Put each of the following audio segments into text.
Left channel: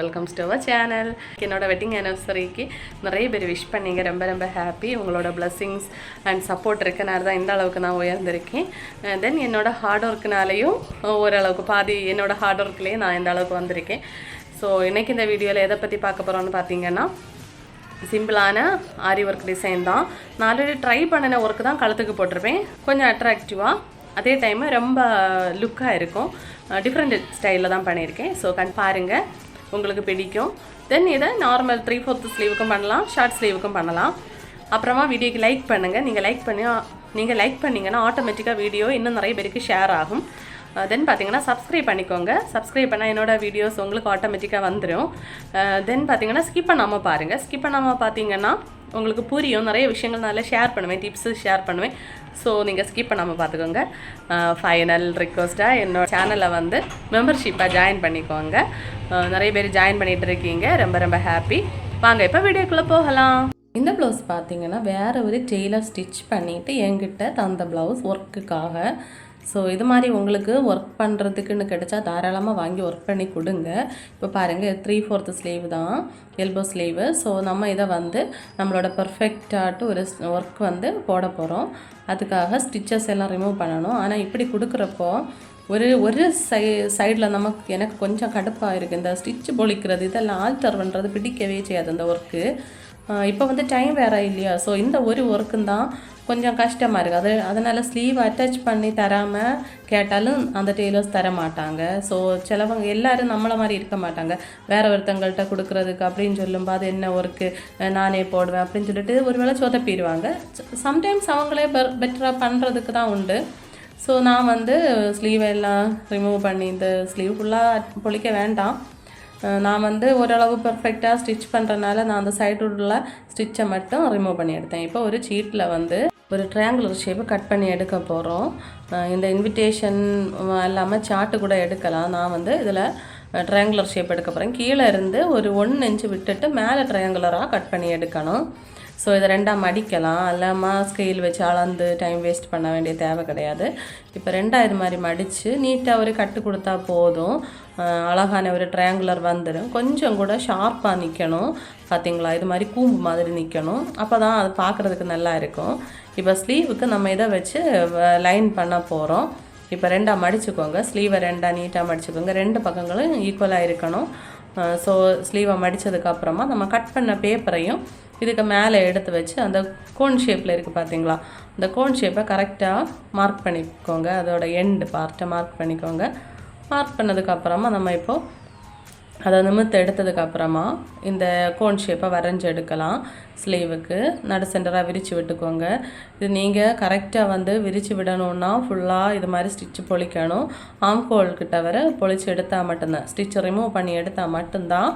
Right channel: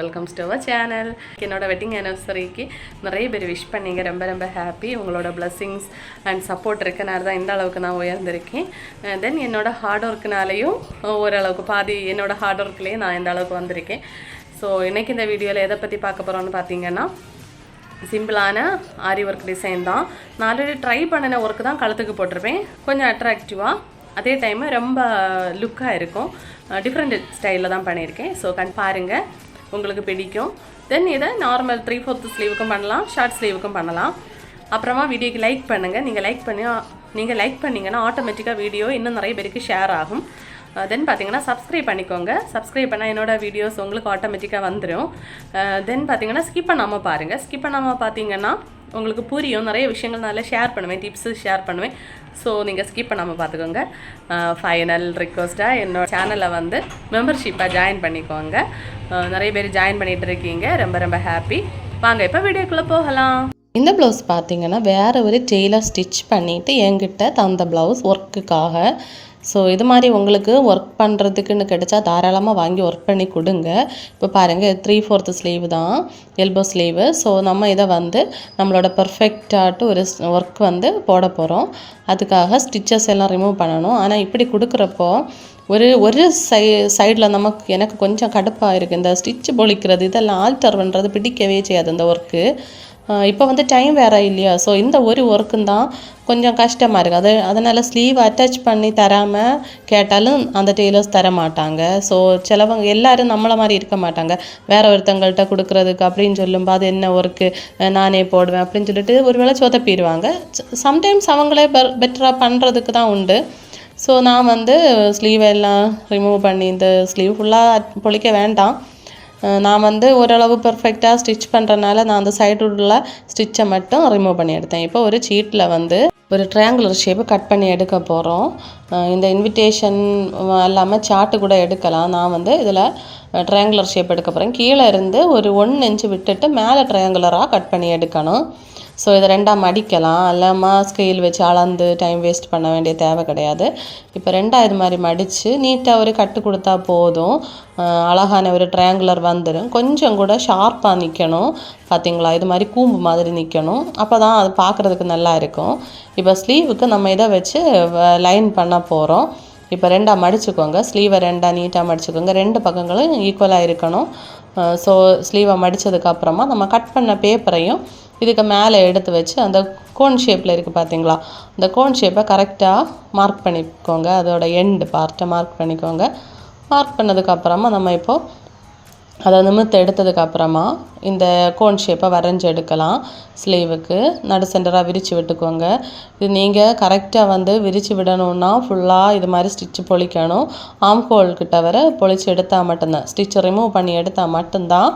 Welcomes to our channel. என்னோட wedding ஆனிவர்சரிக்கு நிறைய பேர் விஷ் பண்ணிங்க. ரொம்ப ரொம்ப ஹாப்பி. உங்களோட பிளெஸ்ஸிங்ஸ் அண்ட் சப்போர்ட் இருக்கனால தான் இந்த அளவுக்கு நான் உயர்ந்திருக்கேன். தென் என்னோட ஹார்ட் ஒர்க்குனாலையும் ஓரளவுக்கு பாதி என்னோட ஹார்ட் ஒர்க்லேயே நான் இந்த அளவுக்கு வந்திருக்கேன். ஸோ இன்றைக்கி இந்த வீடியோவில் எதை பற்றி பார்க்க போகிறோன்னு பார்த்தீங்கன்னா, சிம்பிளான ஆரி ஒர்க் டிசைன் தான். நான் ஆல்ரெடி ட்ரை பண்ணின ஒர்க்கு தான் கழுத்துக்கு போட்டிருப்பேன். கொஞ்சம் அட்ராக்டிவாக, அதே டைமு ரொம்ப லுக்காக இருக்கும். டிஃப்ரெண்ட் ஸ்டைலில் தான் பண்ணியிருக்கேன். ஸோ பாருங்கள், உங்களுக்கு பிடிக்கும். தென் இதை நார்மல் 3/4 ஸ்லீவுக்கும் பண்ணலாம், ஷார்ட் ஸ்லீவுக்கும் பண்ணலாம். அப்புறமா வீடியோக்கு லைக் பண்ணுங்கள். நீங்கள் லைக் பண்ணிங்கன்னா ஆட்டோமேட்டிக்காக வீடியோ இன்னும் நிறைய பேருக்கு ஷேர் ஆகும். தென் பார்த்தீங்கன்னா சப்ஸ்கிரைப் பண்ணிக்கோங்க. சப்ஸ்கிரைப் பண்ணால் என்னோடய வீடியோஸ் உங்களுக்கு ஆட்டோமேட்டிக்காக வந்துடும். தென் பார்த்தீங்கன்னா ஸ்கிப் பண்ணாமல் பாருங்கள். ஸ்கிப் பண்ணாமல் பார்த்தீங்கன்னா உங்களுக்கு புரியும். நிறைய விஷயங்கள் நல்லா ஷேர் பண்ணுவேன், டிப்ஸு ஷேர் பண்ணுவேன். ஸோ நீங்கள் ஸ்கிப் பண்ணாமல் பார்த்துக்கோங்க. ஃபைனல் ரிக்வஸ்ட்டாக என்னோட சேனலை மெம்பர்ஷிப்பாக ஜாயின் பண்ணிக்கோங்க. நிறைய பேர் ஜாயின் பண்ணிகிட்டு இருக்கீங்க. ரொம்ப ரொம்ப ஹாப்பி. வாங்க இப்போ வீடியோக்குள்ளே போகலாம். இந்த ப்ளவுஸ் பார்த்தீங்கன்னா வேறு ஒரு டெய்லர் ஸ்டிச் பண்ணிவிட்டு என்கிட்ட தந்த ப்ளவுஸ் ஒர்க்குக்காக. ஸோ இது மாதிரி உங்களுக்கு ஒர்க் பண்ணுறதுக்குன்னு கிடச்சா தாராளமாக வாங்கி ஒர்க் பண்ணி கொடுங்க. இப்போ பாருங்கள், 3/4 ஸ்லீவ் தான், எல்போ ஸ்லீவு. ஸோ நம்ம இதை நம்மளோட பர்ஃபெக்டாட்டு ஒரு ஒர்க் போட போகிறோம். அதுக்காக ஸ்டிச்சஸ் எல்லாம் ரிமூவ் பண்ணணும். ஆனால் இப்படி கொடுக்குறப்போ ஒரு சைடில் எனக்கு கொஞ்சம் கடுப்பாக இருக்குது. இந்த ஸ்டிச் பொழிக்கிறது இதெல்லாம் ஆல்டர் பண்ணுறது பிடிக்கவே செய்யாது இந்த ஒர்க்கு. இப்போ டைம் வேறு இல்லையா? ஸோ இந்த ஒரு ஒர்க்கும் தான் கொஞ்சம் கஷ்டமாக இருக்குது. அதனால் ஸ்லீவ் அட்டாச் பண்ணி தராமல் கேட்டாலும் அந்த டெய்லர்ஸ் தர மாட்டாங்க. ஸோ சிலவங்க எல்லோரும் நம்மளை மாதிரி இருக்க மாட்டாங்க. வேறு ஒருத்தங்கள்கிட்ட கொடுக்குறதுக்கு அப்படின்னு சொல்லும்போது அது என்ன ஒர்க்கு நானே போடுவேன் அப்படின்னு சொல்லிட்டு ஒரு வேளை சொதப்பிடுவாங்க. சம்டைம்ஸ் அவங்களே பெட்டராக பண்ணுறதுக்கு தான் உண்டு. ஸோ நான் ஸ்லீவ் எல்லாம் ரிமூவ் பண்ணி இந்த ஸ்லீவ் ஃபுல்லாக பொழிக்க வேண்டாம். நான் ஓரளவு பர்ஃபெக்டாக ஸ்டிச் பண்ணுறனால நான் அந்த சைடு உள்ள ஸ்டிச்சை மட்டும் ரிமூவ் பண்ணி எடுத்தேன். இப்போ ஒரு சீட்டில் ஒரு ட்ரையாங்குலர் ஷேப்பு கட் பண்ணி எடுக்க போகிறோம். இந்த இன்விடேஷன் இல்லாமல் சார்ட்டு கூட எடுக்கலாம். நான் இதில் ட்ரையாங்குலர் ஷேப் எடுக்க போகிறேன். கீழே இருந்து ஒரு 1 இன்ச்சு விட்டுட்டு மேலே ட்ரையாங்குலராக கட் பண்ணி எடுக்கணும். ஸோ இதை 2ஆக மடிக்கலாம். இல்லாமல் ஸ்கேல் வச்சு அளந்து டைம் வேஸ்ட் பண்ண வேண்டிய தேவை கிடையாது. இப்போ 2ஆக இது மாதிரி மடித்து நீட்டாக ஒரு கட்டு கொடுத்தா போதும். அழகான ஒரு ட்ரையாங்குலர் வந்துடும். கொஞ்சம் கூட ஷார்ப்பாக நிற்கணும். பார்த்திங்களா, இது மாதிரி கூம்பு மாதிரி நிற்கணும். அப்போ தான் அது பார்க்குறதுக்கு நல்லா இருக்கும். இப்போ ஸ்லீவுக்கு நம்ம இதை வச்சு லைன் பண்ண போகிறோம். இப்போ 2ஆக மடிச்சுக்கோங்க. ஸ்லீவை 2ஆக நீட்டாக மடிச்சுக்கோங்க. 2 பக்கங்களும் ஈக்குவலாக இருக்கணும். ஸோ ஸ்லீவை மடித்ததுக்கப்புறமா நம்ம கட் பண்ண பேப்பரையும் இதுக்கு மேலே எடுத்து வச்சு அந்த கோன் ஷேப்பில் இருக்குது பார்த்தீங்களா, அந்த கோன் ஷேப்பை கரெக்டாக மார்க் பண்ணிக்கோங்க. அதோட எண்டு பார்ட்டை மார்க் பண்ணிக்கோங்க. மார்க் பண்ணதுக்கப்புறமா நம்ம இப்போது அதை நிமிர்த்து எடுத்ததுக்கப்புறமா இந்த கோன் ஷேப்பை வரைஞ்சி எடுக்கலாம். ஸ்லீவுக்கு நடு சென்டராக விரித்து விட்டுக்கோங்க. இது நீங்கள் கரெக்டாக விரித்து விடணுன்னா ஃபுல்லாக இது மாதிரி ஸ்டிச்சு பொழிக்கணும். ஆம்ஹோல்கிட்ட வர பொழிச்சு எடுத்தால் மட்டும்தான், ஸ்டிச்சை ரிமூவ் பண்ணி எடுத்தால் மட்டும்தான்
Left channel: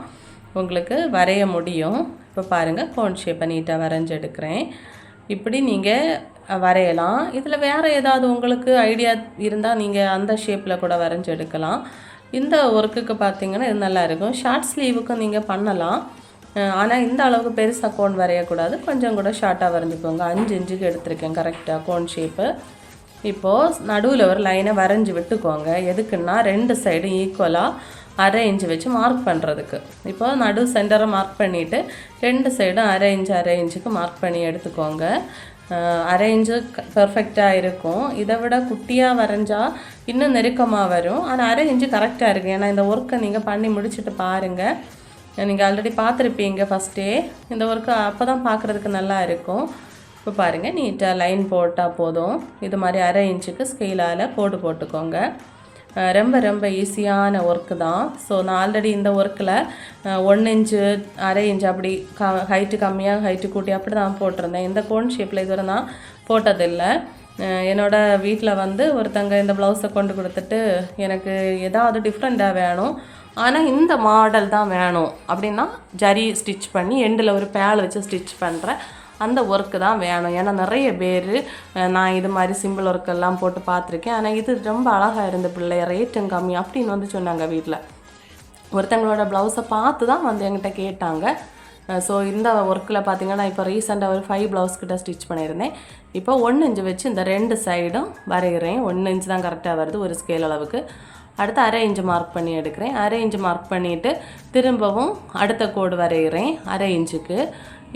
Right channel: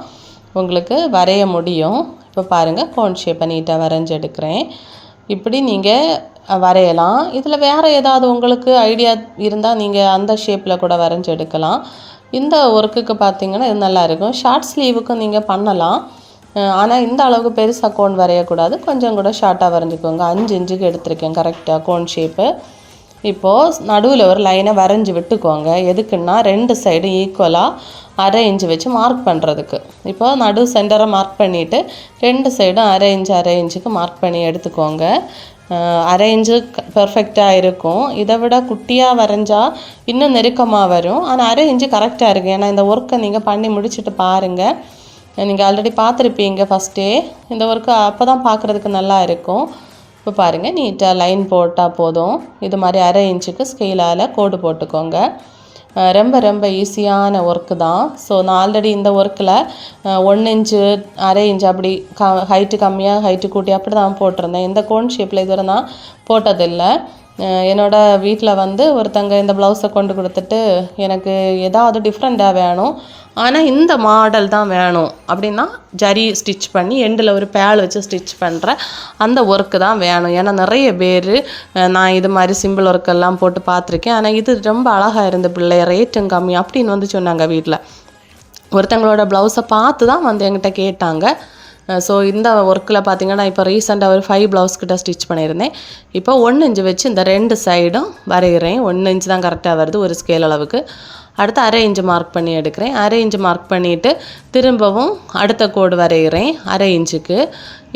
உங்களுக்கு வரைய முடியும். இப்போ பாருங்கள், கோன் ஷேப்பை நீட்டாக வரைஞ்சி எடுக்கிறேன். இப்படி நீங்கள் வரையலாம். இதில் வேறு ஏதாவது உங்களுக்கு ஐடியா இருந்தால் நீங்கள் அந்த ஷேப்பில் கூட வரைஞ்சி எடுக்கலாம். இந்த ஒர்க்குக்கு பார்த்திங்கன்னா இது நல்லாயிருக்கும். ஷார்ட் ஸ்லீவுக்கும் நீங்கள் பண்ணலாம். ஆனால் இந்த அளவுக்கு பெருசாக கோன் வரையக்கூடாது. கொஞ்சம் கூட ஷார்ட்டாக வரைஞ்சிக்கோங்க. 5 இன்ச்சுக்கு எடுத்திருக்கேன் கரெக்டாக கோன் ஷேப்பு. இப்போது நடுவில் ஒரு லைனை வரைஞ்சி விட்டுக்கோங்க. எதுக்குன்னா 2 சைடும் ஈக்குவலாக 1/2 இன்ச்சு வச்சு மார்க் பண்ணுறதுக்கு. இப்போ நடு சென்டரை மார்க் பண்ணிவிட்டு 2 சைடும் 1/2 இன்ச்சுக்கு மார்க் பண்ணி எடுத்துக்கோங்க. 1/2 இன்ச்சு பெர்ஃபெக்டாக இருக்கும். இதை விட குட்டியாக வரைஞ்சால் இன்னும் நெருக்கமாக வரும். ஆனால் 1/2 இன்ச்சு கரெக்டாக இருக்குது. ஏன்னா இந்த ஒர்க்கை நீங்கள் பண்ணி முடிச்சுட்டு பாருங்கள். நீங்கள் ஆல்ரெடி பார்த்துருப்பீங்க ஃபஸ்ட்டே. இந்த ஒர்க்கு அப்போ தான் பார்க்குறதுக்கு நல்லா இருக்கும். இப்போ பாருங்கள், நீட்டாக லைன் போட்டால் போதும். இது மாதிரி 1/2 இன்ச்சுக்கு ஸ்கேலால் கோடு போட்டுக்கோங்க. ரொம்ப ரொம்ப ஈஸியான ஒர்க்கு தான். ஸோ நான் ஆல்ரெடி இந்த ஒர்க்கில் 1 இன்ச்சு 1/2 இன்ச்சு அப்படி ஹைட்டு கம்மியாக ஹைட்டு கூட்டி அப்படி தான் போட்டிருந்தேன். இந்த கோன் ஷேப்பில் இதுவரை நான் போட்டதில்லை. என்னோடய வீட்டில் ஒருத்தங்க இந்த ப்ளவுஸை கொண்டு கொடுத்துட்டு எனக்கு ஏதாவது டிஃப்ரெண்ட்டாக வேணும், ஆனால் இந்த மாடல் தான் வேணும் அப்படின்னா ஜரி ஸ்டிச் பண்ணி எண்டில் ஒரு பேல் வச்சு ஸ்டிச் பண்ணுறேன் அந்த ஒர்க்கு தான் வேணும். ஏன்னா நிறைய பேர் நான் இது மாதிரி சிம்பிள் ஒர்க்கெல்லாம் போட்டு பார்த்துருக்கேன். ஆனால் இது ரொம்ப அழகாக இருந்த பிள்ளை, ரேட்டும் கம்மி அப்படின்னு சொன்னாங்க வீட்டில். ஒருத்தங்களோட ப்ளவுஸை பார்த்து தான் என்கிட்ட கேட்டாங்க. ஸோ இந்த ஒர்க்கில் பார்த்திங்கன்னா இப்போ ரீசெண்டாக ஒரு 5 ப்ளவுஸ் கிட்ட ஸ்டிச் பண்ணியிருந்தேன். இப்போ 1 இன்ச்சு வச்சு இந்த 2 சைடும் வரைகிறேன். 1 இன்ச்சு தான் கரெக்டாக வருது ஒரு ஸ்கேல் அளவுக்கு. அடுத்து 1/2 இன்ச்சு மார்க் பண்ணி எடுக்கிறேன். 1/2 இன்ச்சு மார்க் பண்ணிவிட்டு திரும்பவும் அடுத்த கோடு வரைகிறேன் 1/2 இன்ச்சுக்கு.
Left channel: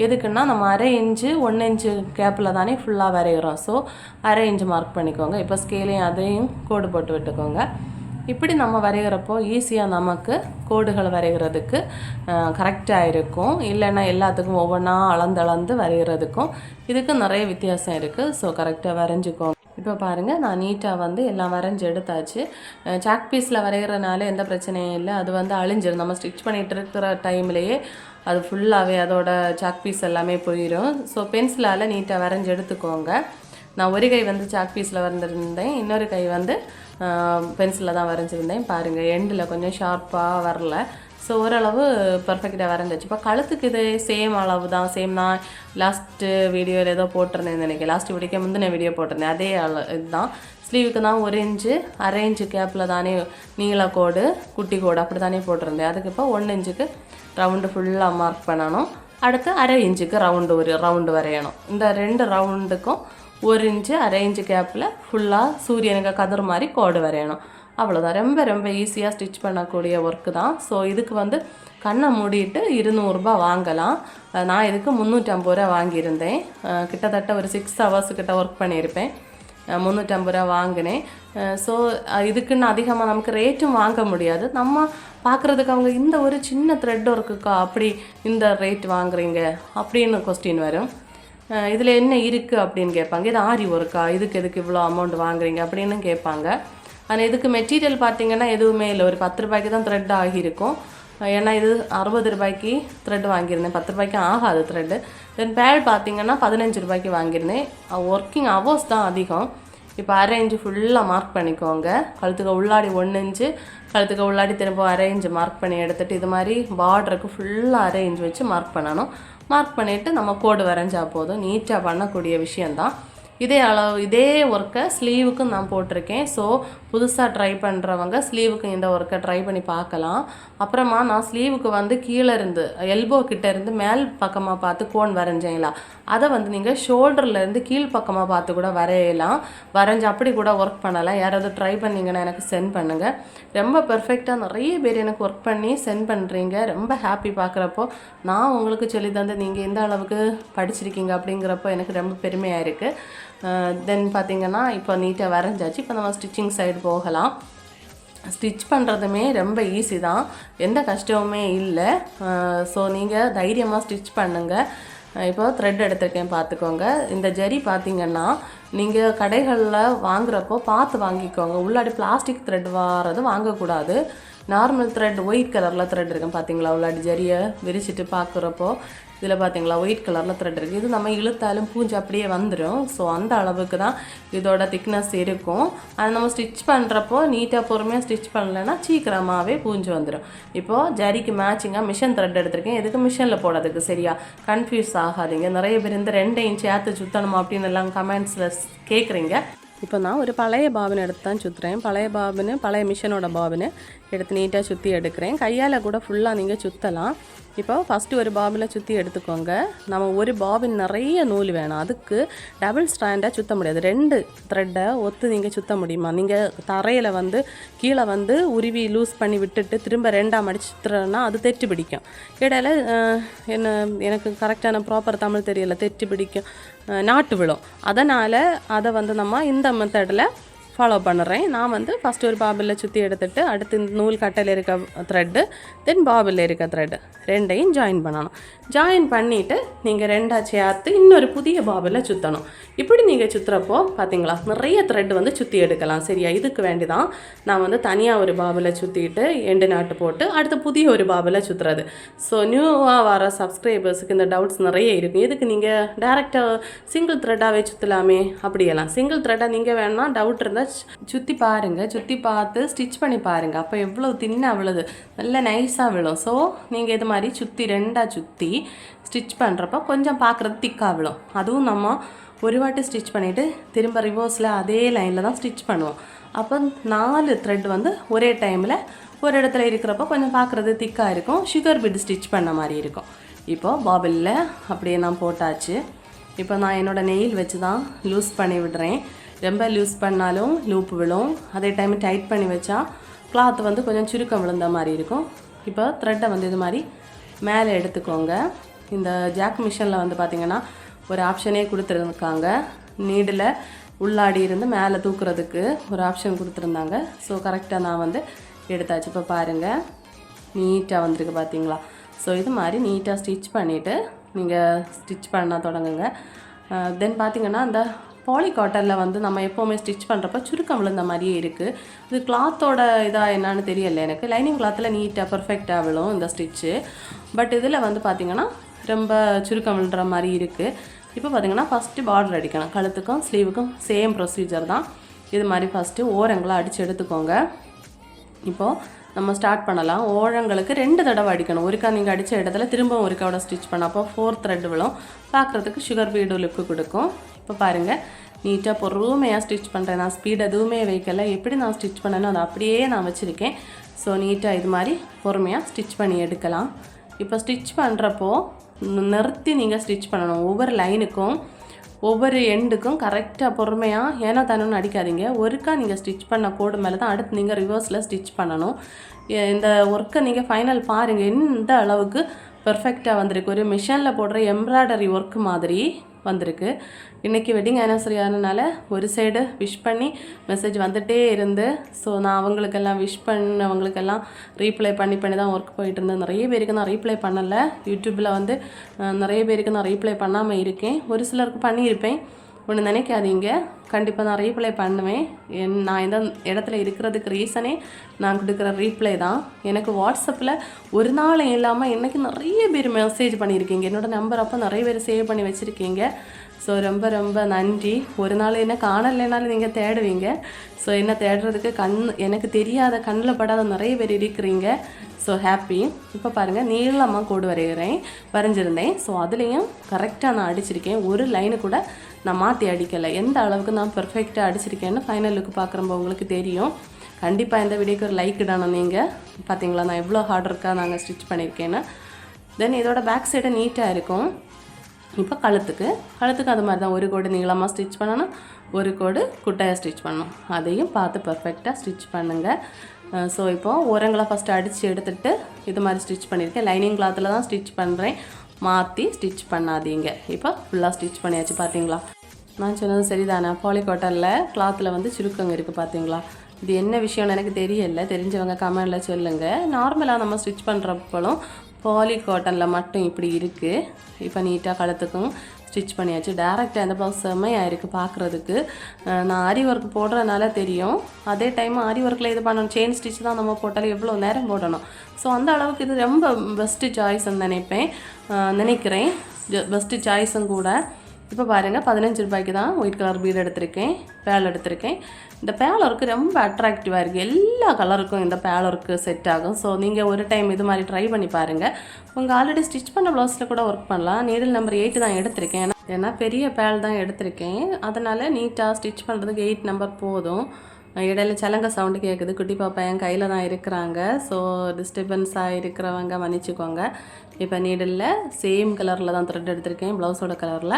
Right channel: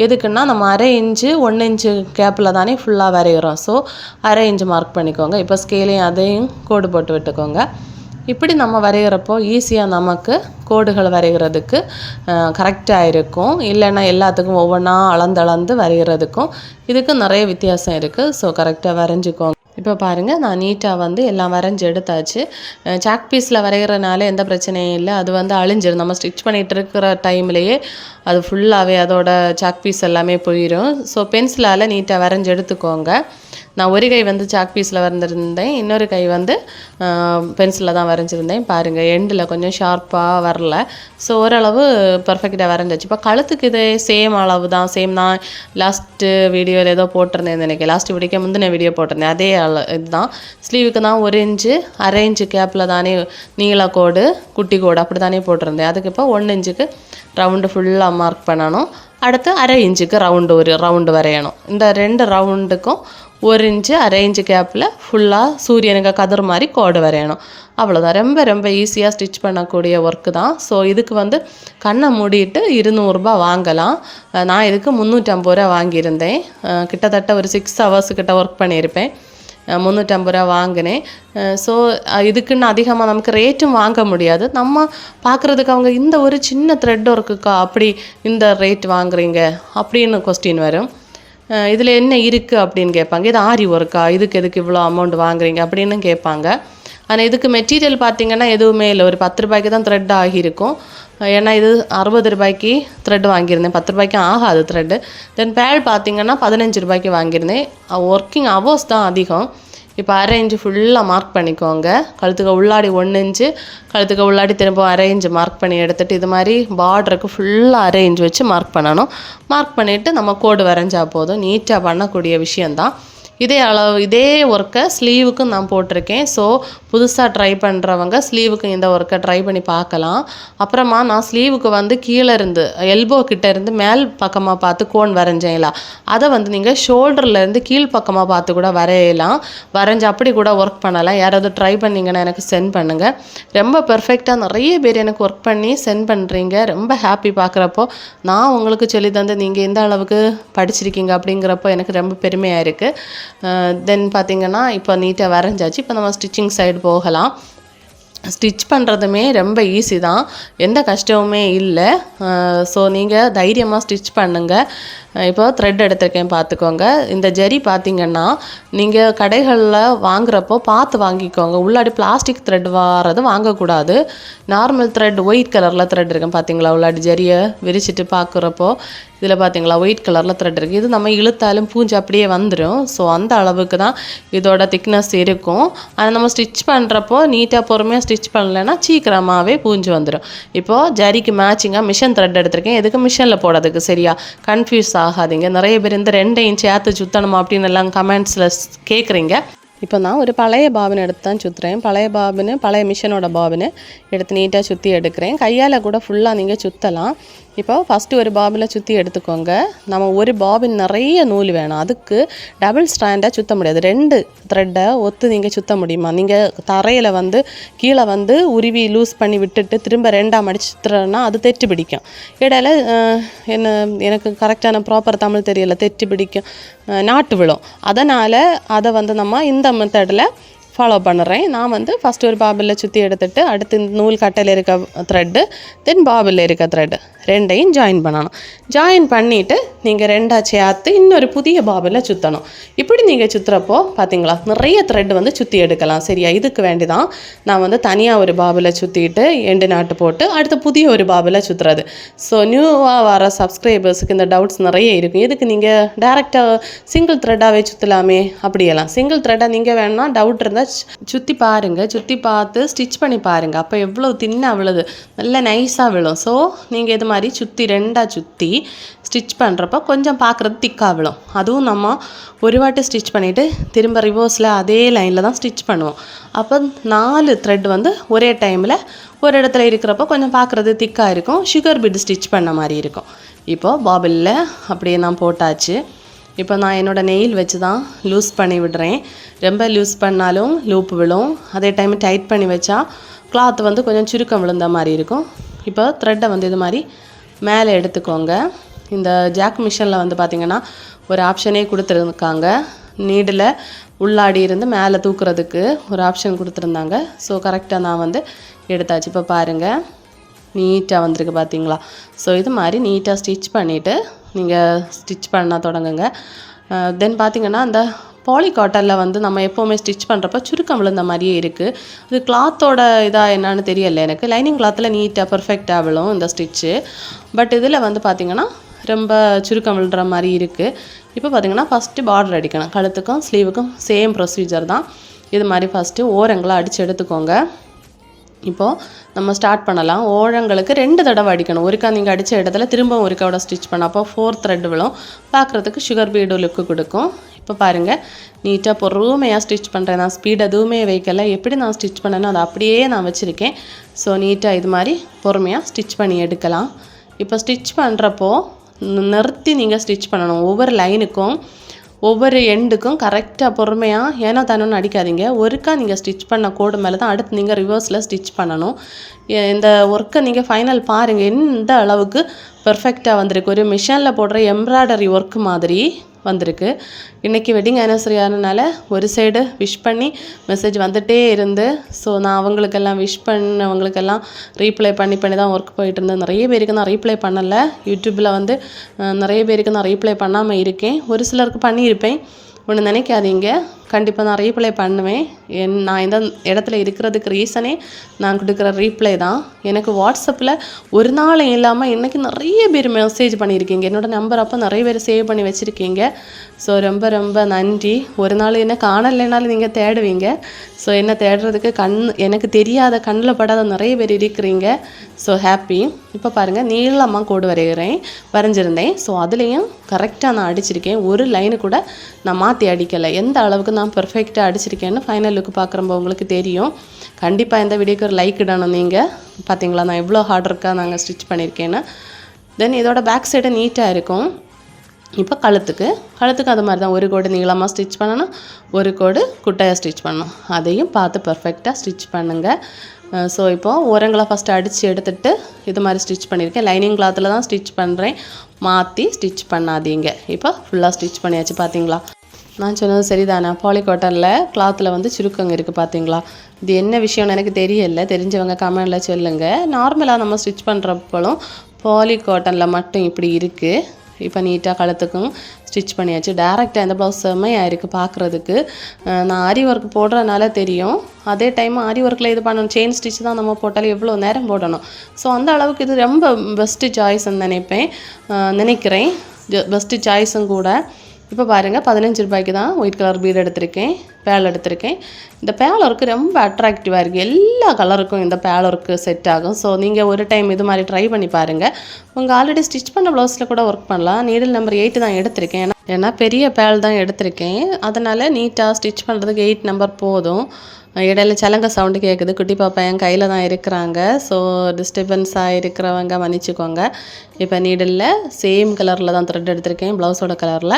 எதுக்குன்னா நம்ம 1/2 இன்ச்சு 1 இன்ச்சு கேப்பில் தானே ஃபுல்லாக வரைகிறோம். ஸோ 1/2 இன்ச்சு மார்க் பண்ணிக்கோங்க. இப்போ ஸ்கேலையும் அதையும் கோடு போட்டு விட்டுக்கோங்க. இப்படி நம்ம வரைகிறப்போ ஈஸியாக நமக்கு கோடுகள் வரைகிறதுக்கு கரெக்டாக இருக்கும். இல்லைன்னா எல்லாத்துக்கும் ஒவ்வொன்றா அளந்து வரைகிறதுக்கும் இதுக்கு நிறைய வித்தியாசம் இருக்குது. ஸோ கரெக்டாக வரைஞ்சிக்கோங்க. இப்போ பாருங்கள், நான் நீட்டாக வந்து எல்லாம் வரைஞ்சி எடுத்தாச்சு. சாக் பீஸில் வரைகிறனால எந்த பிரச்சனையும் இல்லை. அது வந்து அழிஞ்சிடும். நம்ம ஸ்டிச் பண்ணிகிட்டு இருக்கிற டைம்லேயே அது ஃபுல்லாகவே அதோட சாக் பீஸ் எல்லாமே போயிடும். ஸோ பென்சிலால் நீட்டாக வரைஞ்சி எடுத்துக்கோங்க. நான் ஒரு கை வந்து சாக் பீஸில் வரைஞ்சிருந்தேன், இன்னொரு கை வந்து பென்சிலில் தான் வரைஞ்சிருந்தேன். பாருங்கள், எண்டில் கொஞ்சம் ஷார்ப்பாக வரல. ஸோ ஓரளவு பர்ஃபெக்டாக வரைஞ்சிச்சு. இப்போ கழுத்துக்கு இதே சேம் அளவு தான், சேம் தான். லாஸ்ட்டு வீடியோவில் ஏதோ போட்டிருந்தேன் நினைக்கிறேன். லாஸ்ட்டு வீடியோக்கு முந்தின வீடியோ போட்டிருந்தேன். அதே இதுதான். ஸ்லீவுக்கு தான் 1 இன்ச்சு 1/2 இன்ச்சு கேப்பில் தானே நீள கோடு குட்டி கோடு அப்படி தானே போட்டிருந்தேன். அதுக்கு இப்போ 1 இன்ச்சுக்கு ரவுண்டு ஃபுல்லாக மார்க் பண்ணணும். அடுத்து 1/2 இன்ச்சுக்கு ஒரு ரவுண்டு வரையணும். இந்த 2 ரவுண்டுக்கும் 1 இன்ச்சு 1/2 இன்ச்சு கேப்பில் ஃபுல்லாக சூரியனுக்கு கதிர் மாதிரி கோடு வரையணும். அவ்வளோதான். ரொம்ப ஈஸியாக ஸ்டிச் பண்ணக்கூடிய ஒர்க்கு தான். ஸோ இதுக்கு வந்து கண்ணை மூடிட்டு 200 ரூபாய் வாங்கலாம். நான் இதுக்கு 350 ரூபா வாங்கியிருந்தேன். கிட்டத்தட்ட ஒரு 6 ஹவர்ஸ் கிட்ட ஒர்க் பண்ணியிருப்பேன். 350 ரூபா வாங்கினேன். ஸோ இதுக்குன்னு அதிகமாக நமக்கு ரேட்டும் வாங்க முடியாது. நம்ம பார்க்குறதுக்கு அவங்க இந்த ஒரு சின்ன த்ரெட் ஒர்க்குக்கா அப்படி இந்த ரேட் வாங்குறீங்க அப்படின்னு கொஸ்டின் வரும். இதில் என்ன இருக்குது அப்படின்னு கேட்பாங்க. இது ஆரி ஒர்க்கா, இதுக்கு எதுக்கு இவ்வளோ அமௌண்ட் வாங்குறீங்க அப்படின்னு கேட்பாங்க. ஆனால் இதுக்கு மெட்டீரியல் பார்த்திங்கன்னா எதுவுமே இல்லை. ஒரு 10 ரூபாய்க்கு தான் த்ரெட் ஆகியிருக்கும். ஏன்னா இது 60 ரூபாய்க்கு த்ரெட் வாங்கியிருந்தேன். 10 ரூபாய்க்கு ஆகாது த்ரெட்டு. தென் பேட் பார்த்திங்கன்னா 15 ரூபாய்க்கு வாங்கியிருந்தேன். ஒர்க்கிங் ஹவர்ஸ் தான் அதிகம். இப்போ 1/2 இன்ச்சு ஃபுல்லாக மார்க் பண்ணிக்கோங்க. கழுத்துக்கு உள்ளாடி 1 இன்ச்சு, கழுத்துக்கு உள்ளாடி திரும்ப 1/2 இன்ச்சு மார்க் பண்ணி எடுத்துகிட்டு இது மாதிரி பார்டருக்கு ஃபுல்லாக 1/2 இன்ச்சு வச்சு மார்க் பண்ணணும். மார்க் பண்ணிவிட்டு நம்ம கோடு வரைஞ்சா போதும். நீட்டாக பண்ணக்கூடிய விஷயந்தான். இதே ஒர்க்கை ஸ்லீவுக்கும் நான் போட்டிருக்கேன். ஸோ புதுசாக ட்ரை பண்ணுறவங்க ஸ்லீவுக்கு இந்த ஒர்க்கை ட்ரை பண்ணி பார்க்கலாம். அப்புறமா நான் ஸ்லீவுக்கு வந்து கீழே இருந்து எல்போ கிட்டே இருந்து மேல் பக்கமாக பார்த்து கோன் வரைஞ்சேங்களா, அதை வந்து நீங்கள் ஷோல்டர்லேருந்து கீழ் பக்கமாக பார்த்து கூட வரையலாம். வரைஞ்சி அப்படி கூட ஒர்க் பண்ணலாம். யாராவது ட்ரை பண்ணிங்கன்னா எனக்கு சென்ட் பண்ணுங்கள். ரொம்ப பெர்ஃபெக்டாக நிறைய பேர் எனக்கு ஒர்க் பண்ணி சென்ட் பண்ணுறீங்க. ரொம்ப ஹாப்பி பார்க்குறப்போ. நான் உங்களுக்கு சொல்லி தந்து நீங்கள் எந்த அளவுக்கு படிச்சிருக்கீங்க அப்படிங்கிறப்போ எனக்கு ரொம்ப பெருமையாக இருக்குது. தென் பார்த்திங்கன்னா இப்போ நீட்டாக வரைஞ்சாச்சு. இப்போ நம்ம ஸ்டிச்சிங் சைடு போகலாம். ஸ்டிச் பண்ணுறதுமே ரொம்ப ஈஸி தான், எந்த கஷ்டமுமே இல்லை. ஸோ நீங்கள் தைரியமாக ஸ்டிச் பண்ணுங்கள். இப்போ த்ரெட் எடுத்திருக்கேன் பார்த்துக்கோங்க. இந்த ஜரி பார்த்திங்கன்னா நீங்கள் கடைகளில் வாங்குகிறப்போ பார்த்து வாங்கிக்கோங்க. உள்ளாடி பிளாஸ்டிக் த்ரெட் வாரது வாங்கக்கூடாது. நார்மல் த்ரெட் ஒயிட் கலரில் த்ரெட் இருக்கும் பார்த்தீங்களா. உள்ளாடி ஜரியை விரிச்சிட்டு பார்க்குறப்போ இதில் பார்த்தீங்களா ஒயிட் கலரில் த்ரெட் இருக்குது. இது நம்ம இழுத்தாலும் பூஞ்சி அப்படியே வந்துடும். ஸோ அந்த அளவுக்கு தான் இதோட திக்னஸ் இருக்கும். அதை நம்ம ஸ்டிச் பண்ணுறப்போ நீட்டாக பொறுமையாக ஸ்டிச் பண்ணலைன்னா சீக்கிரமாகவே பூஞ்சி வந்துடும். இப்போது ஜரிக்கு மேட்சிங்காக மிஷின் த்ரெட் எடுத்திருக்கேன். எதுக்கு மிஷினில் போடுறதுக்கு, சரியா? கன்ஃபியூஸ் ஆகாதீங்க. நிறைய பேர் இந்த 2 இன்ச் ஏற்று சுற்றணுமா அப்படின்னு எல்லாம் கமெண்ட்ஸில் கேட்குறீங்க. இப்போ நான் ஒரு பழைய பாபின் எடுத்து தான் சுற்றுறேன். பழைய மிஷினோட பாபின் எடுத்து நீட்டாக சுற்றி எடுக்கிறேன். கையால் கூட ஃபுல்லாக நீங்கள் சுற்றலாம். இப்போ ஃபஸ்ட்டு ஒரு பாபில் சுற்றி எடுத்துக்கோங்க. நம்ம ஒரு பாபின் நிறைய நூல் வேணும். அதுக்கு டபுள் ஸ்டாண்டாக சுற்ற முடியாது. 2 த்ரெட்டை ஒத்து நீங்கள் சுற்ற முடியுமா? நீங்கள் தரையில் வந்து கீழே வந்து உருவி லூஸ் பண்ணி விட்டுட்டு திரும்ப 2ஆக மடிச்சு சுற்றுறோன்னா அது தெட்டு பிடிக்கும். இடையில எனக்கு கரெக்டான ப்ராப்பர் தமிழ் தெரியல, தெட்டு பிடிக்கும், நாட்டு விழும். அதனால் அதை வந்து நம்ம இந்த மெத்தடில் ஃபாலோ பண்ணுறேன். நான் வந்து ஃபஸ்ட்டு ஒரு பாபிளில் சுற்றி எடுத்துகிட்டு அடுத்து இந்த நூல் கட்டையில் இருக்க த்ரெட்டு தென் பாபிளில் இருக்க த்ரெட்டு 2ஐயும் ஜாயின் பண்ணணும். ஜாயின் பண்ணிவிட்டு நீங்கள் 2ஆக சேர்த்து இன்னொரு புதிய பாபிளில் சுற்றணும். இப்படி நீங்கள் சுற்றுறப்போ பார்த்தீங்களா நிறைய த்ரெட் வந்து சுற்றி எடுக்கலாம். சரியா? இதுக்கு வேண்டி தான் நான் வந்து தனியாக ஒரு பாபிளில் சுற்றிட்டு எண்டு நாட்டு போட்டு அடுத்து புதிய ஒரு பாபிளில் சுற்றுறது. ஸோ நியூவாக வர சப்ஸ்கிரைபர்ஸுக்கு இந்த டவுட்ஸ் நிறைய இருக்கும். இதுக்கு நீங்கள் டேரெக்டாக சிங்கிள் த்ரெட்டாகவே சுற்றலாமே அப்படியெல்லாம். சிங்கிள் த்ரெட்டாக நீங்கள் வேணால் டவுட் இருந்தால் சுற்றி பாருங்கள். சுற்றி பார்த்து ஸ்டிச் பண்ணி பாருங்கள். அப்போ எவ்வளோ தின்னாக விழுது, நல்ல நைஸாக விழும். ஸோ நீங்கள் இது மாதிரி சுற்றி 2ஆக சுற்றி ஸ்டிச் பண்ணுறப்போ கொஞ்சம் பார்க்குறது திக்காக விழும். அதுவும் நம்ம ஒரு வாட்டி ஸ்டிச் பண்ணிவிட்டு திரும்ப ரிவர்ஸில் அதே லைனில் தான் ஸ்டிச் பண்ணுவோம். அப்போ 4 த்ரெட் வந்து ஒரே டைமில் ஒரு இடத்துல இருக்கிறப்போ கொஞ்சம் பார்க்குறது திக்காக இருக்கும். சுகர் பீட் ஸ்டிச் பண்ண மாதிரி இருக்கும். இப்போது பாபிளில் அப்படியே நான் போட்டாச்சு. இப்போ நான் என்னோடய நெயில் வச்சு தான் லூஸ் பண்ணி விடுறேன். ரொம்ப லூஸ் பண்ணாலும் லூப் விழும். அதே டைம் டைட் பண்ணி வச்சா கிளாத் வந்து கொஞ்சம் சுருக்கம் விழுந்த மாதிரி இருக்கும். இப்போ த்ரெட்டை வந்து இது மாதிரி மேலே எடுத்துக்கோங்க. இந்த ஜாக் மிஷினில் வந்து பார்த்திங்கன்னா ஒரு ஆப்ஷனே கொடுத்துருக்காங்க. நீடில் உள்ளாடி இருந்து மேலே தூக்குறதுக்கு ஒரு ஆப்ஷன் கொடுத்துருந்தாங்க. ஸோ கரெக்டாக நான் வந்து எடுத்தாச்சு. இப்போ பாருங்கள் நீட்டாக வந்திருக்கு பார்த்தீங்களா. ஸோ இது மாதிரி நீட்டாக ஸ்டிச் பண்ணிவிட்டு நீங்கள் ஸ்டிச் பண்ண தொடங்குங்க. தென் பார்த்திங்கன்னா அந்த பாலி காட்டனில் வந்து நம்ம எப்போவுமே ஸ்டிச் பண்ணுறப்ப சுருக்கம் விழுந்த மாதிரியே இருக்குது. இது கிளாத்தோட இதாக என்னன்னு தெரியலை எனக்கு. லைனிங் கிளாத்தில் நீட்டாக பர்ஃபெக்டாக விழும் இந்த ஸ்டிச்சு. பட் இதில் வந்து பார்த்திங்கன்னா ரொம்ப சுருக்கம் விழுற மாதிரி இருக்குது. இப்போ பார்த்திங்கன்னா ஃபஸ்ட்டு பார்டர் அடிக்கணும். கழுத்துக்கும் ஸ்லீவுக்கும் சேம் ப்ரொசீஜர் தான். இது மாதிரி ஃபஸ்ட்டு ஓரங்களை அடித்து எடுத்துக்கோங்க. இப்போது நம்ம ஸ்டார்ட் பண்ணலாம். ஓரங்களுக்கு 2 தடவை அடிக்கணும். ஒருக்கா நீங்கள் அடித்த இடத்துல திரும்ப ஒருக்காவோட ஸ்டிச் பண்ண அப்போ 4th த்ரெட் விழும். பார்க்குறதுக்கு சுகர் பீடு லுக்கு கொடுக்கும். இப்போ பாருங்கள் நீட்டாக பொறுமையாக ஸ்டிச் பண்ணுறேன். நான் ஸ்பீட் எதுவுமே வைக்கலை. எப்படி நான் ஸ்டிச் பண்ணேனோ அதை அப்படியே நான் வச்சுருக்கேன். ஸோ நீட்டாக இது மாதிரி பொறுமையாக ஸ்டிச் பண்ணி எடுக்கலாம். இப்போ ஸ்டிச் பண்ணுறப்போ நிறுத்தி நீங்கள் ஸ்டிச் பண்ணணும். ஒவ்வொரு லைனுக்கும் ஒவ்வொரு எண்டுக்கும் கரெக்டாக பொறுமையாக ஏனோ தானோன்னு அடிக்காதீங்க. ஒருக்கா நீங்கள் ஸ்டிச் பண்ண கோடு மேலே தான் அடுத்து நீங்கள் ரிவர்ஸில் ஸ்டிச் பண்ணணும். இந்த ஒர்க்கை நீங்கள் ஃபைனல் பாருங்கள் எந்த அளவுக்கு பெர்ஃபெக்டாக வந்திருக்கு. ஒரு மிஷினில் போடுற எம்ப்ராய்டரி ஒர்க் மாதிரி வந்திருக்கு. இன்றைக்கி வெட்டிங் ஆனிவர்சரி ஆனதுனால ஒரு சைடு விஷ் பண்ணி மெசேஜ் வந்துகிட்டே இருந்து ஸோ நான் அவங்களுக்கெல்லாம் விஷ் பண்ணவங்களுக்கெல்லாம் ரீப்ளை பண்ணி தான் ஒர்க் போயிட்டு இருந்தேன். நிறைய பேருக்கு நான் ரீப்ளை பண்ணலை. யூடியூப்பில் வந்து நிறைய பேருக்கு நான் ரீப்ளை பண்ணாமல் இருக்கேன். ஒரு சிலருக்கு பண்ணியிருப்பேன். ஒன்று நினைக்காதீங்க, கண்டிப்பாக நான் ரீப்ளை பண்ணுவேன். நான் இந்த இடத்துல இருக்கிறதுக்கு ரீசனே நான் கொடுக்குற ரீப்ளை தான். எனக்கு வாட்ஸ்அப்பில் ஒரு நாள் இல்லாமல் இன்றைக்கி நிறைய பேர் மெசேஜ் பண்ணியிருக்கீங்க. என்னோடய நம்பர் அப்போ நிறைய பேர் சேவ் பண்ணி வச்சுருக்கீங்க. ஸோ ரொம்ப ரொம்ப நன்றி. ஒரு நாள் என்ன காணலைனாலும் நீங்கள் தேடுவீங்க. ஸோ என்ன தேடுறதுக்கு எனக்கு தெரியாத கண்ணில் படாத நிறைய பேர் இருக்கிறீங்க. So happy. இப்போ பாருங்கள் நீளமாக கோடு வரைஞ்சிருந்தேன். ஸோ அதுலேயும் கரெக்டாக நான் அடிச்சிருக்கேன். ஒரு லைனு கூட நான் மாற்றி அடிக்கலை. எந்த அளவுக்கு நான் பெர்ஃபெக்டாக அடிச்சிருக்கேன்னு ஃபைனல் லுக்கு பார்க்குறப்போ உங்களுக்கு தெரியும். கண்டிப்பாக இந்த வீடியோக்கு ஒரு லைக் இடணும். நீங்கள் பார்த்தீங்களா நான் எவ்வளோ ஹார்ட் ஒர்க்காக நாங்கள் ஸ்டிச் பண்ணியிருக்கேன்னு. தென் இதோட பேக் சைடு நீட்டாக இருக்கும். இப்போ கழுத்துக்கு அது மாதிரி தான் ஒரு கோடு நீளமாக ஸ்டிச் பண்ணணும், ஒரு கோடு குட்டையாக ஸ்டிச் பண்ணணும். அதையும் பார்த்து பர்ஃபெக்டாக ஸ்டிச் பண்ணுங்கள். ஸோ இப்போது ஓரங்களை ஃபஸ்ட்டு அடித்து எடுத்துகிட்டு இது மாதிரி ஸ்டிச் பண்ணியிருக்கேன். லைனிங் கிளாத்தில் தான் ஸ்டிச் பண்ணுறேன். மாற்றி ஸ்டிச் பண்ணாதீங்க. இப்போ ஃபுல்லாக ஸ்டிச் பண்ணியாச்சு. பார்த்தீங்களா நான் சொன்னது சரிதானே. பாலி காட்டனில் கிளாத்தில் வந்து சுருக்கங்க இருக்குது பார்த்தீங்களா. இது என்ன விஷயம்னு எனக்கு தெரியலை. தெரிஞ்சவங்க கமெண்டில் சொல்லுங்கள். நார்மலாக நம்ம ஸ்டிச் பண்ணுறப்போலும் பாலி காட்டனில் மட்டும் இப்படி இருக்குது. இப்போ நீட்டாக கழுத்துக்கும் ஸ்டிச் பண்ணியாச்சு. டேரெக்டாக இந்த ப்ளவுஸ் செம்மையாக இருக்குது பார்க்குறதுக்கு. நான் ஆரி ஒர்க் போடுறதுனால தெரியும். அதே டைம் ஆரி ஒர்க்கில் இது பண்ணணும். செயின் ஸ்டிச் தான் நம்ம போட்டாலும் எவ்வளோ நேரம் போடணும். ஸோ அந்த அளவுக்கு இது ரொம்ப பெஸ்ட்டு சாய்ஸ்ன்னு நினைக்கிறேன். பெஸ்ட்டு சாய்ஸும் கூட. இப்போ பாருங்கள் 15 ரூபாய்க்கு தான் ஒயிட் கலர் பீட் எடுத்திருக்கேன், பேல் எடுத்திருக்கேன். இந்த பேல் ஒர்க்கு ரொம்ப அட்ராக்டிவாக இருக்குது. எல்லா கலருக்கும் இந்த பேல் ஒர்க்கு செட் ஆகும். ஸோ நீங்கள் ஒரு டைம் இது மாதிரி ட்ரை பண்ணி பாருங்கள். உங்கள் ஆல்ரெடி ஸ்டிச் பண்ண ப்ளவுஸில் கூட ஒர்க் பண்ணலாம். நீடில் நம்பர் 8 தான் எடுத்திருக்கேன். ஏன்னா பெரிய பேல் தான் எடுத்திருக்கேன். அதனால் நீட்டாக ஸ்டிச் பண்ணுறதுக்கு 8 நம்பர் போதும். இடையில சலங்க சவுண்டு கேட்குது. குட்டி பாப்பா என் கையில் தான் இருக்கிறாங்க. ஸோ டிஸ்டர்பன்ஸாக இருக்கிறவங்க மன்னிச்சிக்கோங்க. இப்போ நீடில் சேம் கலரில் தான் த்ரெட் எடுத்திருக்கேன், ப்ளவுஸோட கலரில்.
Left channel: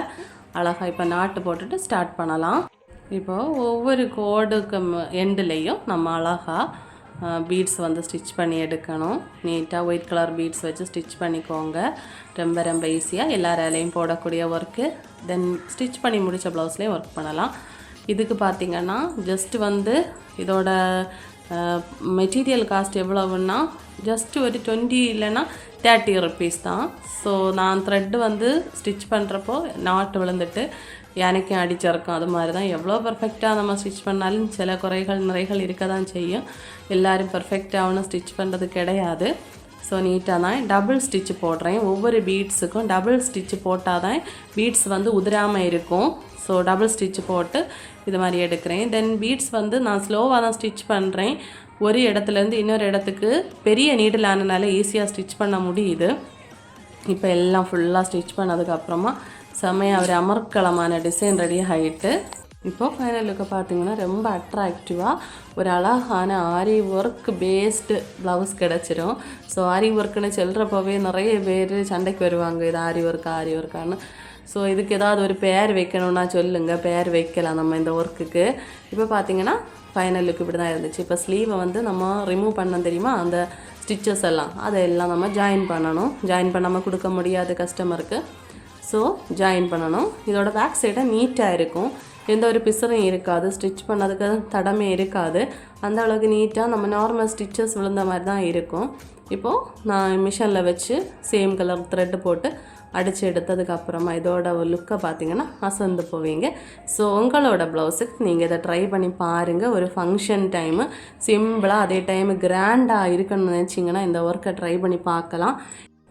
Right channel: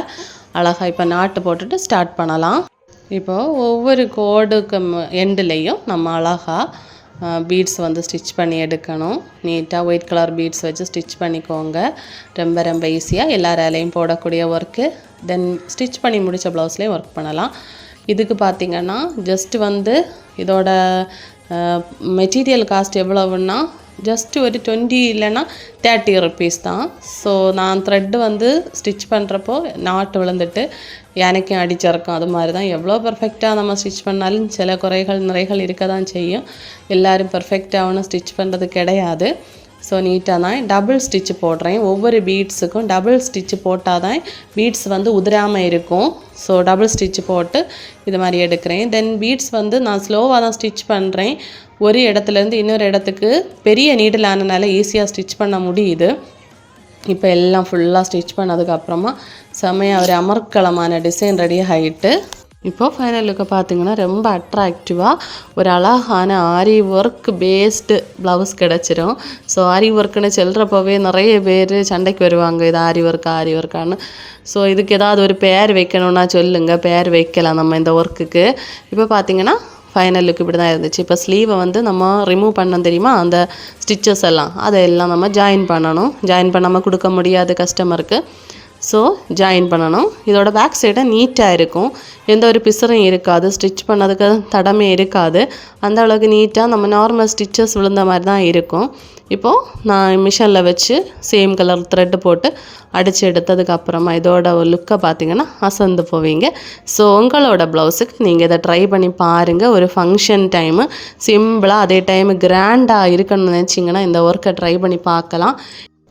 அழகாக இப்போ நாட்டு போட்டுட்டு ஸ்டார்ட் பண்ணலாம். இப்போது ஒவ்வொரு கோடுக்கு எண்டுலேயும் நம்ம அழகாக பீட்ஸ் வந்து ஸ்டிச் பண்ணி எடுக்கணும். நீட்டாக ஒயிட் கலர் பீட்ஸ் வச்சு ஸ்டிச் பண்ணிக்கோங்க. ரொம்ப ரொம்ப ஈஸியாக எல்லா வேலையும் போடக்கூடிய ஒர்க்கு. தென் ஸ்டிச் பண்ணி முடித்த ப்ளவுஸ்லேயும் ஒர்க் பண்ணலாம். இதுக்கு பார்த்திங்கன்னா ஜஸ்ட் வந்து இதோட மெட்டீரியல் காஸ்ட் எவ்வளவுன்னா ஜஸ்ட்டு ஒரு 20 இல்லைன்னா 30 ருபீஸ் தான். ஸோ நான் த்ரெட்டு வந்து ஸ்டிச் பண்ணுறப்போ நாட்டு விழுந்துட்டு எனக்கும் அடிச்சிருக்கும். அது மாதிரி தான். எவ்வளோ பர்ஃபெக்டாக நம்ம ஸ்டிச் பண்ணாலும் சில நிறைகள் இருக்க தான் செய்யும். எல்லோரும் பர்ஃபெக்டாகவும் ஸ்டிச் பண்ணுறது கிடையாது. ஸோ நீட்டாக தான் டபுள் ஸ்டிச்சு போடுறேன். ஒவ்வொரு பீட்ஸுக்கும் டபுள் ஸ்டிச்சு போட்டால் தான் பீட்ஸ் வந்து உதிராமல் இருக்கும். ஸோ டபுள் ஸ்டிச்சு போட்டு இது மாதிரி எடுக்கிறேன். தென் பீட்ஸ் வந்து நான் ஸ்லோவாக தான் ஸ்டிச் பண்ணுறேன். ஒரு இடத்துலேருந்து இன்னொரு இடத்துக்கு பெரிய நீடில் ஆனதுனால ஈஸியாக ஸ்டிச் பண்ண முடியுது. இப்போ எல்லாம் ஃபுல்லாக ஸ்டிச் பண்ணதுக்கப்புறமா செம்மையாக ஒரு அமர்க்கலமான டிசைன் ரெடி ஆகிட்டு இப்போது ஃபைனல் லுக்கை பார்த்திங்கன்னா ரொம்ப அட்ராக்டிவாக ஒரு அழகான ஆரி ஒர்க் பேஸ்டு ப்ளவுஸ் கிடச்சிரும். ஸோ ஆரி ஒர்க்குன்னு சொல்கிறப்பவே நிறைய பேர் சண்டைக்கு வருவாங்க, இது ஆரி ஒர்க்கான்னு. ஸோ இதுக்கு ஏதாவது ஒரு பேர் வைக்கணுன்னா சொல்லுங்கள், பேர் வைக்கலாம் நம்ம இந்த ஒர்க்குக்கு. இப்போ பார்த்திங்கன்னா ஃபைனல் லுக் இப்படி தான் இருந்துச்சு. இப்போ ஸ்லீவை வந்து நம்ம ரிமூவ் பண்ணோம் தெரியுமா, அந்த ஸ்டிச்சஸ் எல்லாம் அதையெல்லாம் நம்ம ஜாயின் பண்ணணும். ஜாயின் பண்ணாமல் கொடுக்க முடியாது கஸ்டமருக்கு. ஸோ ஜாயின் பண்ணணும். இதோட பேக் சைடை நீட்டாக இருக்கும், எந்த ஒரு பிசரும் இருக்காது, ஸ்டிச் பண்ணதுக்கு தடமே இருக்காது. அந்த அளவுக்கு நீட்டாக நம்ம நார்மல் ஸ்டிச்சஸ் விழுந்த மாதிரி தான் இருக்கும். இப்போது நான் மிஷினில் வச்சு சேம் கலர் த்ரெட்டு போட்டு அடித்து எடுத்ததுக்கப்புறமா இதோட ஒரு லுக்கை பார்த்திங்கன்னா அசந்து போவீங்க. ஸோ உங்களோட ப்ளவுஸுக்கு நீங்கள் இதை ட்ரை பண்ணி பாருங்கள். ஒரு ஃபங்க்ஷன் டைமு சிம்பிளாக அதே டைமு கிராண்டாக இருக்கணும்னு நினச்சிங்கன்னா இந்த ஒர்க்கை ட்ரை பண்ணி பார்க்கலாம்.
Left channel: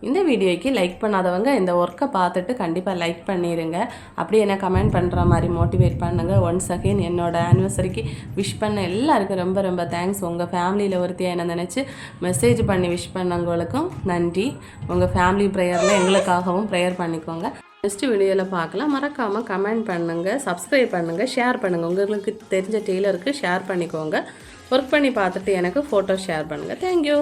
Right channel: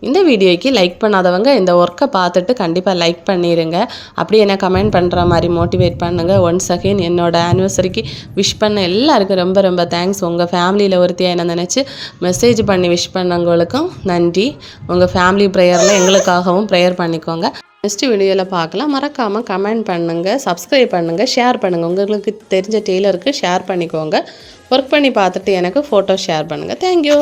இந்த வீடியோக்கு லைக் பண்ணாதவங்க இந்த ஒர்க்கை பார்த்துட்டு கண்டிப்பாக லைக் பண்ணிடுங்க. அப்படி என்ன கமெண்ட் பண்ணுற மாதிரி மோட்டிவேட் பண்ணுங்கள். ஒன்ஸ் அகெயின் என்னோடய ஆனிவர்சரிக்கு விஷ் பண்ண எல்லாருக்கும் ரொம்ப ரொம்ப தேங்க்ஸ். உங்கள் ஃபேமிலியில் ஒருத்தியாக என்ன நினச்சி மெசேஜ் பண்ணி விஷ் பண்ணவங்களுக்கும் நன்றி. உங்கள் ஃபேமிலி ப்ரேயரில் எங்களுக்காகவும் ப்ரேயர் பண்ணிக்கோங்க. நெக்ஸ்ட் வீடியோவில் பார்க்கலாம். மறக்காமல் கமெண்ட் பண்ணுங்கள், சப்ஸ்கிரைப் பண்ணுங்கள், ஷேர் பண்ணுங்கள். உங்களுக்கு தெரிஞ்ச டெய்லருக்கு ஷேர் பண்ணிக்கோங்க. ஒர்க் பண்ணி பார்த்துட்டு எனக்கு ஃபோட்டோ ஷேர் பண்ணுங்கள். தேங்க்யூ.